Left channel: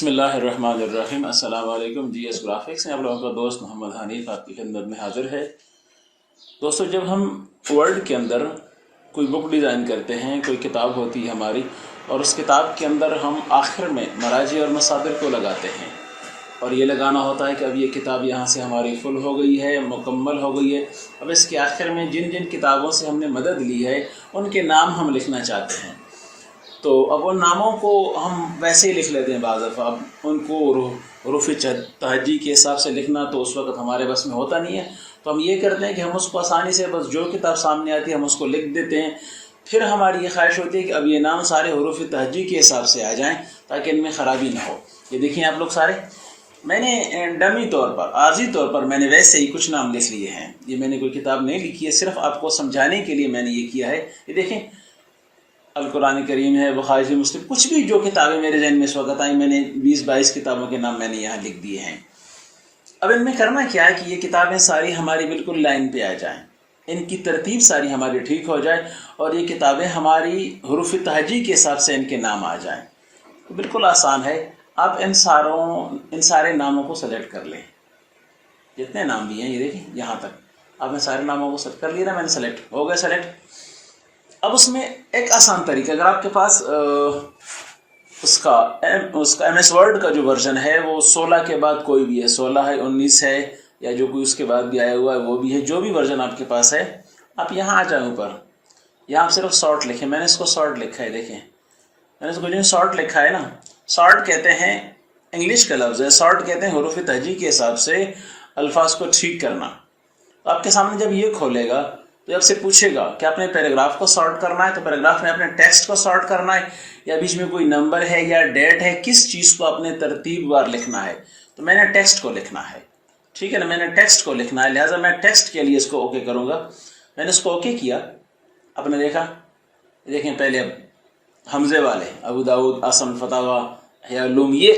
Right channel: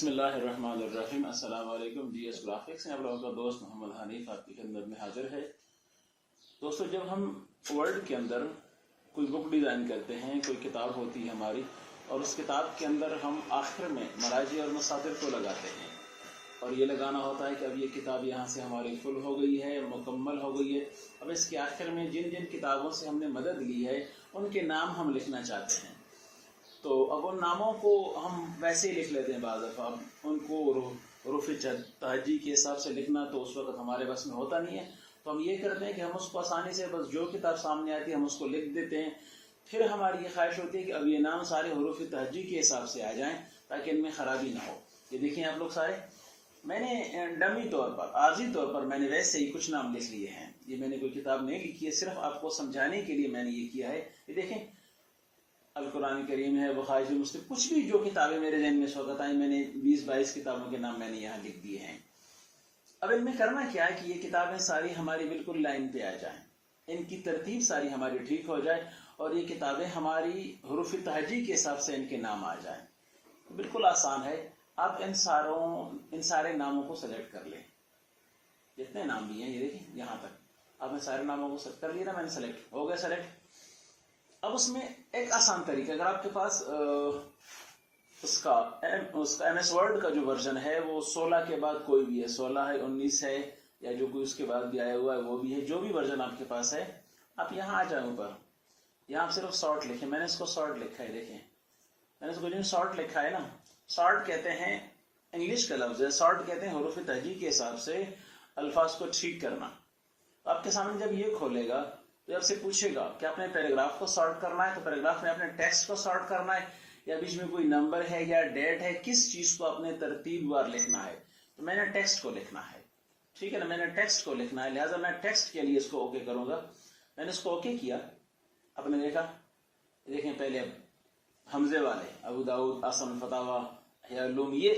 बिस्मिल्लाहिर्रहमानिर्रहीम। अस्सलाम वालेकुम। GS ग्राफिक्स में आप लोगों का दोस्त मोहम्मद हनीफ आपकी खिदमत में हाजिर है। दोस्तों, जब हम वर्ल्ड के अंदर कोई बुक डिज़ाइन करते हैं, कोई किताब होती है हमारी, और उस किताब के अंदर हम आखिर में मराजी और मसादिर को लगाते हैं और ये लगाना होता है कि अब ये किताब यहाँ से हमारी फुल हो गई है, मुकम्मल हो गई है। अब इसके आखिर में जिन जिन किताबों से हमने मदद ली है उनके नाम हम लिखना चाहते हैं। तो अब उन नामों को हम वैसे ही लिख लेते हैं बाज़ दफ़ा। अब उनको हरूफ़ तहज्जी के हिसाब से लिखना तो उस वक्त हमारे बस में होता नहीं है, तो हम ये करते हैं कि हम उसको आसानी से बस जो किताब सामने आती है हम उसको लिख देते हैं। फिर हमारी ये ख्वाहिश होती है कि अब ये नाम सारे हरूफ़ तहज्जी के हिसाब से आ जाएँ ताकि इनमें ख़राबी ना हो। ये देखिए आप लोग सारे, मैंने डमी तौर पर, आर्जी तौर पर मैंने वैसे ही कुछ नाम लिख लिए हैं। ये मैंने कोई किताब नहीं लिखी है, सिर्फ आपको समझाने के लिए मैंने ये किया है। ये देखें, अल कुरान करीम है, बुखारी मुस्लिम, कुछ भी जो किताबें मेरे जहन में इस वक्त आई, मैंने 20-22 किताबों के नाम मैंने यहाँ लिख दिए हैं। अब इनमें करना क्या है कि ये किताबें सारी हमारी बिल्कुल लाइन पे आ जाएं, इनकी तरतीब सारी हमारी ठीक हो जाए और ये किताबें हमारी हरूफ़ तहज्जी के हिसाब से इनके नाम आ जाएं। तो बिल्कुल आसान है। आप इन सारे नामों को सेलेक्ट कर लें, जितने नाम भी हैं। ये देखिए यहाँ तक आपने सारे नामों को सेलेक्ट कर लिया ना, मैंने सेलेक्ट हो गया सेलेक्ट। अब उसमें एक आसान तरीका, अगर आपके पास उसका MS वर्ड का जो वर्जन है वो 16 के बाद कोई भी है, 16 है, 19 है, या जो कोई उसके बाद भी आया हुआ है वो भी है, जो भी वर्जन आपके पास है, आप यहाँ आ जाए ऊपर, यहाँ आप सिर्फ शॉर्ट लिखें। मैंने इसको शॉर्ट लिखा है, देखें मैंने इसको जो शॉर्ट लिखा है ना, शॉर्ट कहते हैं, इंग्लिश का लफ्ज़ है, शॉर्ट कहते हैं हरूफ़ तहज्जी के हिसाब से अल्फाज को ठीक करना। तो आपके सामने जब ये खोलेगा तो आपसे पूछेगा कि आपने पैराग्राफ को सॉर्ट करना है, तो पैराग्राफ में अपने टेक्स्ट को सॉर्ट करना है या बीच में कोई नंबर है या डेट है, किस चीज़ को आपने तरतीबवार लिखना है। तो मैंने टेक्स्ट को लिखना है, ठीक है ना, मैंने टेक्स्ट को लिखना है, लिहाजा मैं टेक्स्ट के लिए इसको ओके करूँगा। मैंने इसको ओके किया, आपने देखा, देखें पहले अब हमजे वाले अबू दाऊद, आसम, फतावा, हयालूम, ये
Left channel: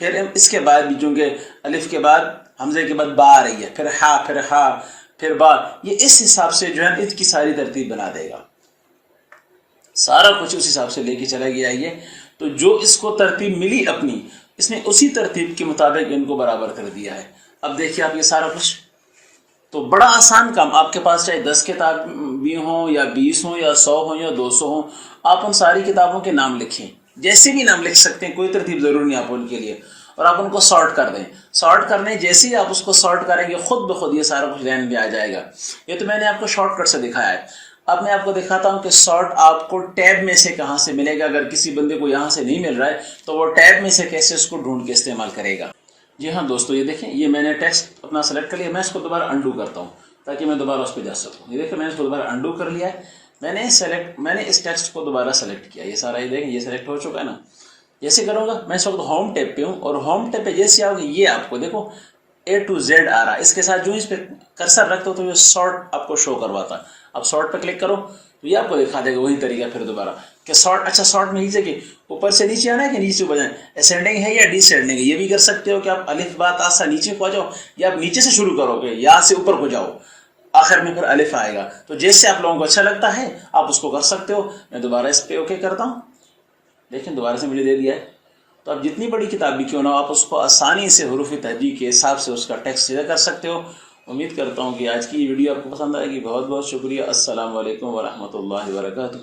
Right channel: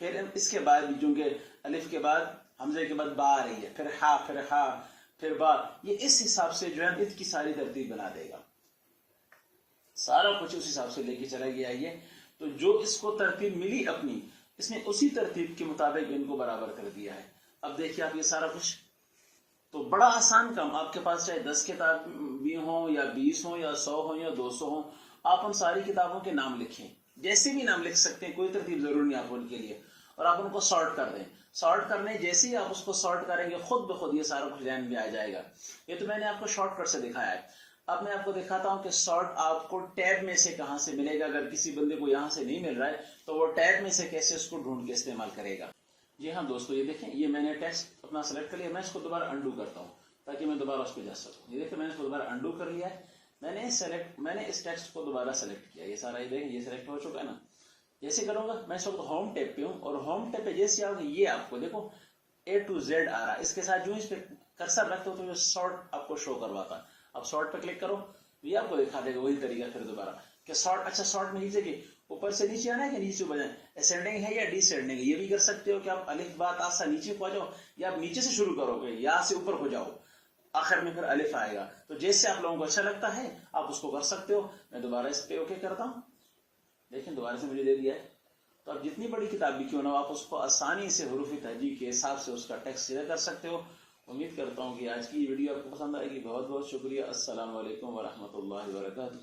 फिर इसके बाद भी चूँकि अलिफ के बाद हमजे के बाद बा आ रही है, फिर हा फिर बा, ये इस हिसाब से जो है इसकी सारी तरतीब बना देगा, सारा कुछ उस हिसाब से लेके चला गया ये। तो जो इसको तरतीब मिली अपनी, इसने उसी तरतीब के मुताबिक इनको बराबर कर दिया है। अब देखिए आप ये सारा कुछ, तो बड़ा आसान काम। आपके पास चाहे 10 किताब भी हों या 20 हों या 100 हों या 200 हों, आप उन सारी किताबों के नाम लिखें, जैसे भी नाम लिख सकते हैं, कोई तरतीब ज़रूरी नहीं आप उनके लिए, और आप उनको सॉर्ट कर दें। सॉर्ट करने जैसे ही आप उसको सॉर्ट करेंगे खुद ब खुद ये सारा कुछ लाइन में आ जाएगा। ये तो मैंने आपको शॉर्टकट से दिखाया है। अब मैं आपको दिखाता हूँ कि सॉर्ट आपको टैब में से कहाँ से मिलेगा। अगर किसी बंदे को यहाँ से नहीं मिल रहा है तो वो टैब में से कैसे उसको ढूंढ के इस्तेमाल करेगा। जी हाँ दोस्तों, ये देखें, ये मैंने टेक्स्ट अपना सेलेक्ट कर लिया। मैं इसको दोबारा अंडू करता हूँ ताकि मैं दोबारा उस पर जा सकूँ। ये देखें, मैंने इसको दोबारा अंडू कर लिया है। मैंने इस टेक्स्ट को दोबारा सेलेक्ट किया, ये सारा, ये देखें ये सेलेक्ट हो चुका है ना। जैसे करूँगा, मैं इस वक्त होम टैब पे हूँ और होम टैब पे जैसे आओगे ये आपको देखो A to Z आ रहा है। इसके साथ जो इस पे कर्सर रखते हो तो ये शॉर्ट आपको शो करवाता है। अब शॉर्ट पे क्लिक करो तो ये आपको दिखा देगा वही तरीका फिर दोबारा कि शॉर्ट। अच्छा, शॉर्ट में नीचे के ऊपर से नीचे आना है कि नीचे ऊपर जाए, असेंडिंग है या डिसेंडिंग है, ये भी कर सकते हो कि आप अलिफ बा ता सा नीचे को आ जाओ, या आप नीचे से शुरू करोगे, यहाँ से ऊपर को जाओ, आखिर में फिर अलिफ आएगा। तो जैसे आप लोगों को अच्छा लगता है आप उसको कर सकते हो। मैं दोबारा इस पर ओके करता हूँ, देखें दोबारा से मुझे दे दिया है। तो आप जितनी बड़ी किताब भी क्यों ना, आप उसको आसानी से हरूफ़ तहज्जी के हिसाब से उसका टेक्स्ट सीधा कर सकते हो। उम्मीद करता हूँ कि आज की वीडियो आपको पसंद आएगी। बहुत बहुत शुक्रिया। अस्सलाम वालेकुम व रहमतुल्लाहि व बरकातुहू।